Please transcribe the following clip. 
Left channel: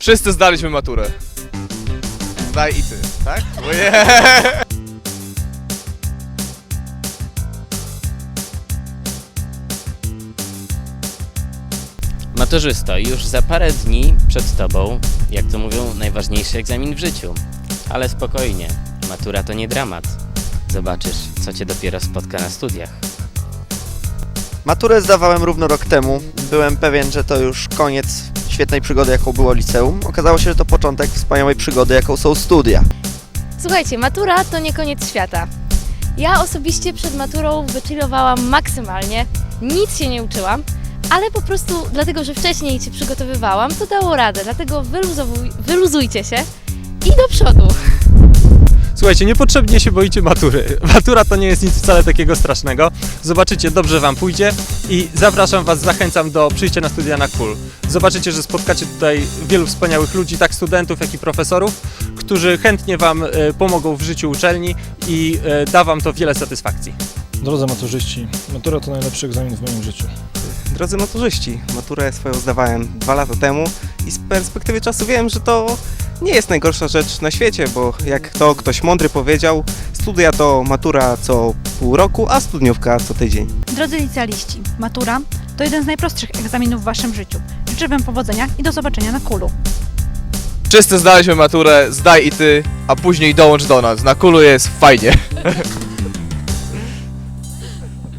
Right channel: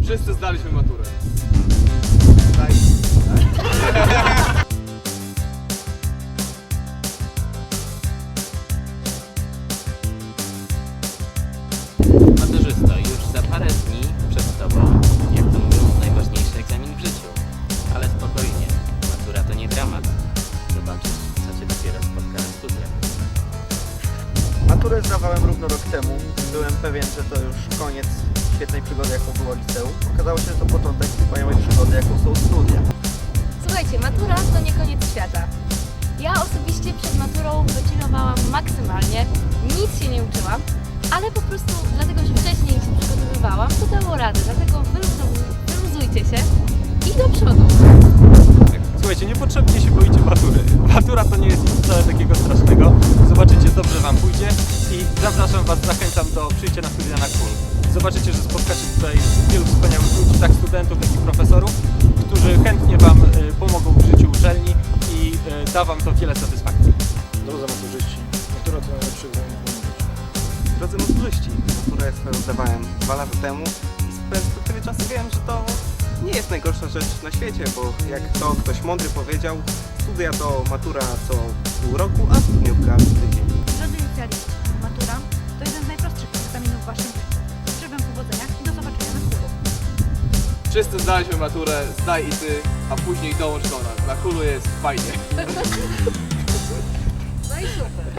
Wszyscy zdaliśmy maturę. Zdaj i ty, tak? Maturzysto, już za parę dni przed Tobą, jak to mówią, najważniejszy egzamin w życiu. Ale spokojnie, matura to nie dramat. Zobaczysz, co Cię dopiero spotka na studiach. Maturę zdawałem równo rok temu. Byłem pewien, że to już koniec świetnej przygody, jaką było liceum. Okazało się, że to początek wspaniałej przygody, jaką są studia. Słuchajcie, matura to nie koniec świata. Ja osobiście przed maturą wychillowałam maksymalnie, nic się nie uczyłam, ale po prostu dlatego, że wcześniej się przygotowywałam, to dało radę. Dlatego wyluzujcie się i do przodu. Słuchajcie, niepotrzebnie się boicie matury. Matura to nie jest nic wcale takiego strasznego. Zobaczycie, dobrze Wam pójdzie i zapraszam Was, zachęcam do przyjścia na studia na KUL. Zobaczycie, że spotkacie tutaj wielu wspaniałych ludzi, tak studentów, jak i profesorów, którzy chętnie Wam e, pomogą w życiu uczelni i e, da Wam to wiele satysfakcji. Drodzy maturzyści, matura to najlepszy egzamin w moim życiu. Drodzy maturzyści, maturę swoją zdawałem dwa lata temu i z perspektywy czasu wiem, że to nie jest najgorsza rzecz na świecie, bo jak to ktoś mądry powiedział, studia to matura co pół roku, a studniówka co tydzień. Drodzy licealiści, matura to jeden z najprostszych egzaminów w Waszym życiu. Życzę Wam powodzenia i do zobaczenia na kulu. Wszyscy zdaliśmy maturę, zdaj i ty, a później dołącz do nas. Na kulu jest fajnie.